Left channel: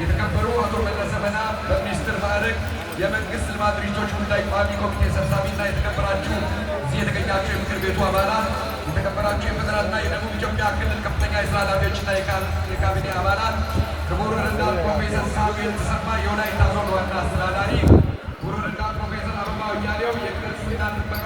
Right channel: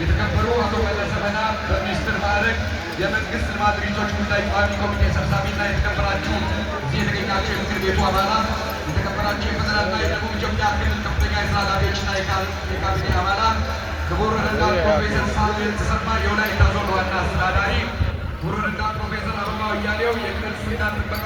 የተከበሩ አቶ መለስ ዘመና በሚኒስትር ማዕረግ የመንግስት ልማት ድርጅቶች ጉዳይ ቋሚ ኮሚቴ ሰብሳቢና የተከበራችሁ እዚህ የተገኛችሁ የምክር ቤቱ አባላት፣ የተከበራችሁ የፌዴራልና የደቡብ ኢትዮጵያ ክልል ከፍተኛ የስራ ኃላፊዎችና የካቢኔ አባላት፣ ክቡር ረዳት ፕሮፌሰር ሳሙኤል ተሰማ የወላይታ ዞን ዋና አስተዳዳሪ፣ ክቡር ረዳት ፕሮፌሰር አበባው እያሌው የክልል ጥበቃ